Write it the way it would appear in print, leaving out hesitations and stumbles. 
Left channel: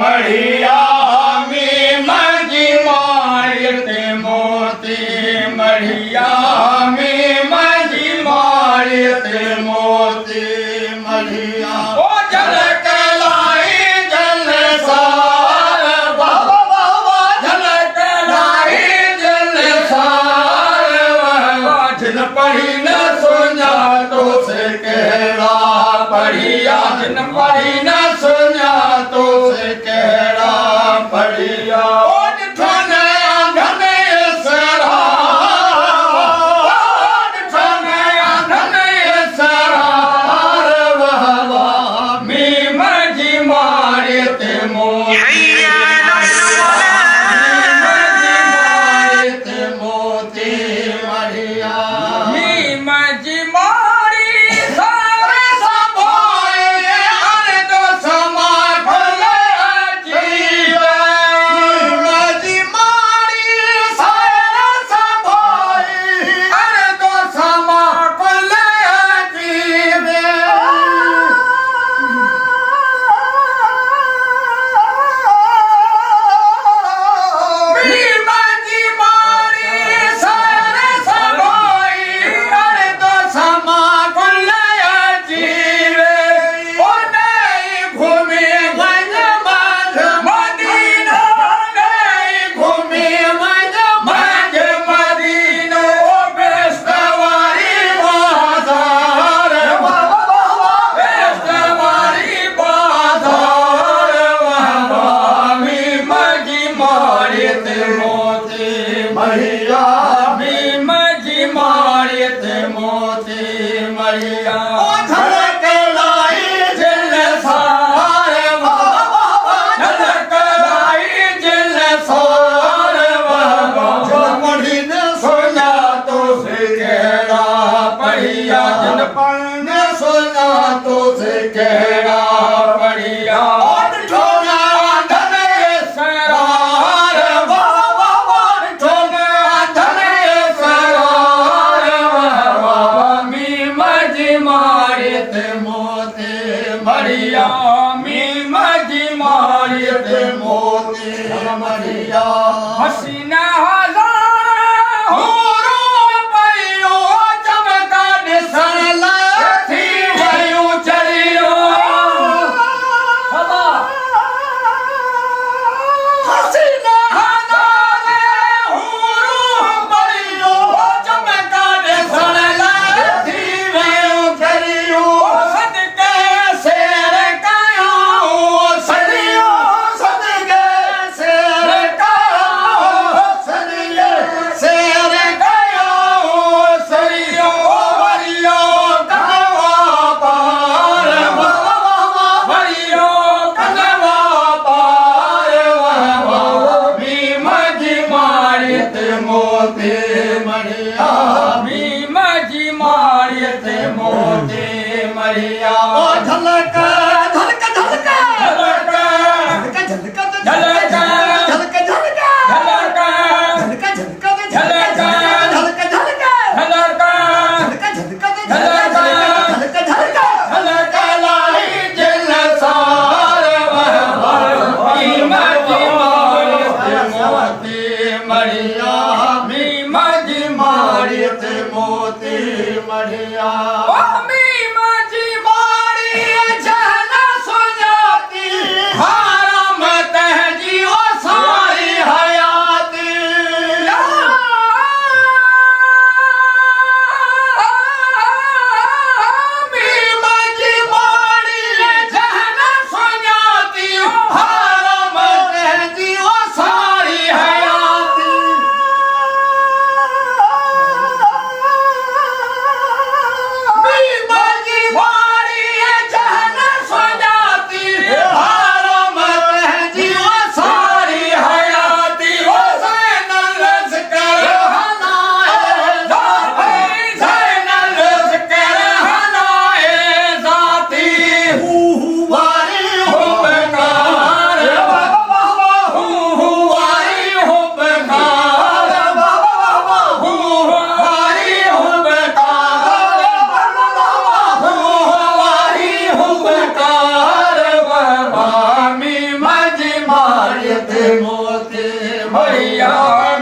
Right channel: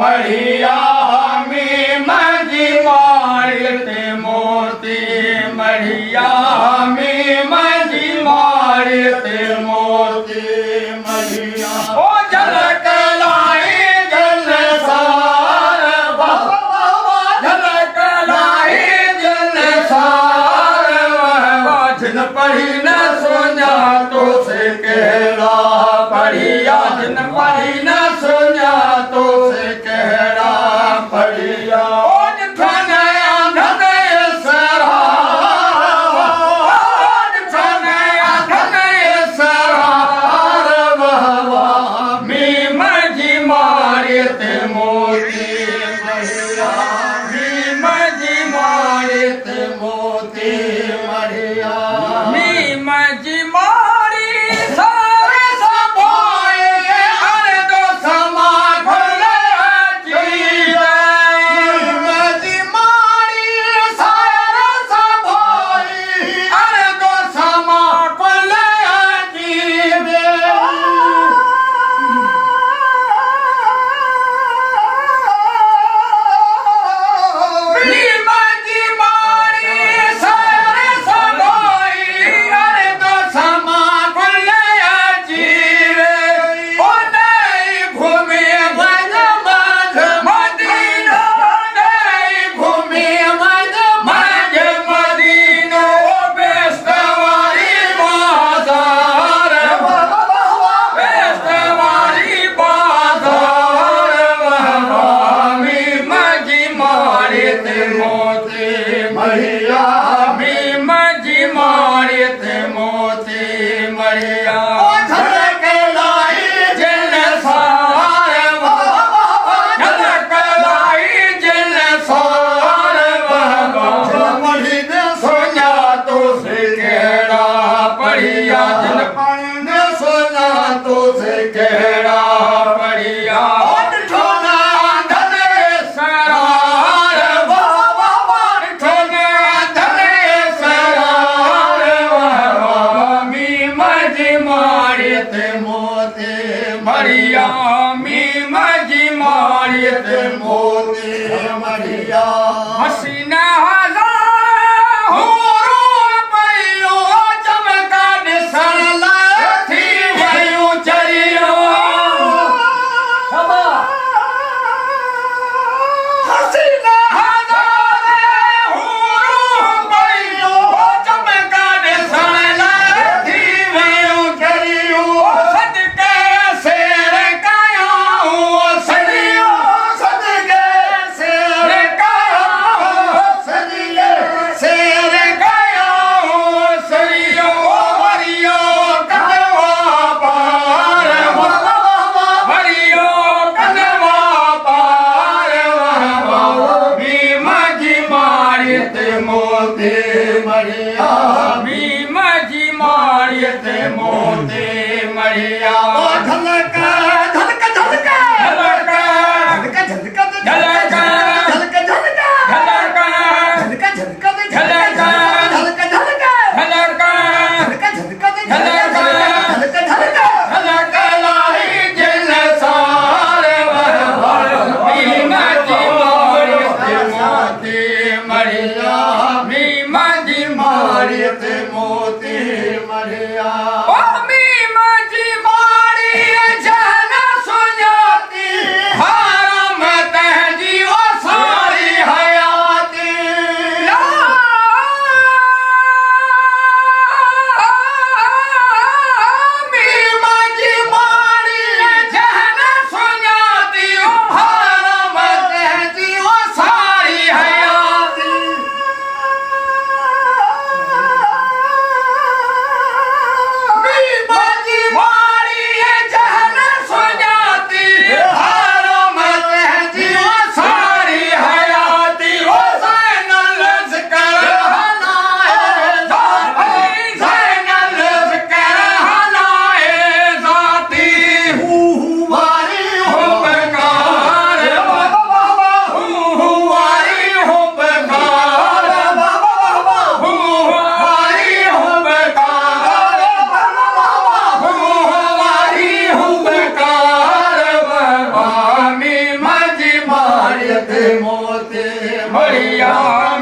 मढ़िया में मजी मारते मोती मढ़िया में मजी मारते मोती मढ़िया ओ जल के लाई जल सार बाबा बाबा जल के लाई जल सार जिन पढ़ी न सुना तो से कहला पढ़िया जिन पढ़ी न सुना तो से कहला पढ़िया ओ ठनया धनय सरा ठनया धनय सरा वहवा मी मजी मारते मोती मजी मारते मोती मढ़िया मी मजी मारी सारे सभाए अरे दो समा भले जीवे मजी मारी सारे सभाए अरे दो समा भले जीवे मी मजी मारी सारे सभाए अरे दो समा भले जीवे ओ नहीं घूमे गज मध मदीनो नहीं घूमे गज मध मदीनो बेस्तवारी बाजार बेस्तवारी बाजार मी मजी मारते मोती मढ़िया मी मजी मारते मोती मढ़िया ओ झलक लाई जिल सार झलक लाई जिल सार मढ़ी ने सोना तो से कहड़ा पढ़िया जिन पढ़ न सोना तो से कहड़ा पढ़िया ठोना धने सरार बाबा ठोना धने सरार मी मजी मारते मोती मढ़िया मी मजी मारते मोती मढ़िया हसीना हजार हो पैयो चमका दिसण थी वयो चरियो हसीना हजार हो पैयो चमका दिसण थी वयो चरियो सदके शेर कायो सरियो सदके शेर कायो તે મોતી મળ્યા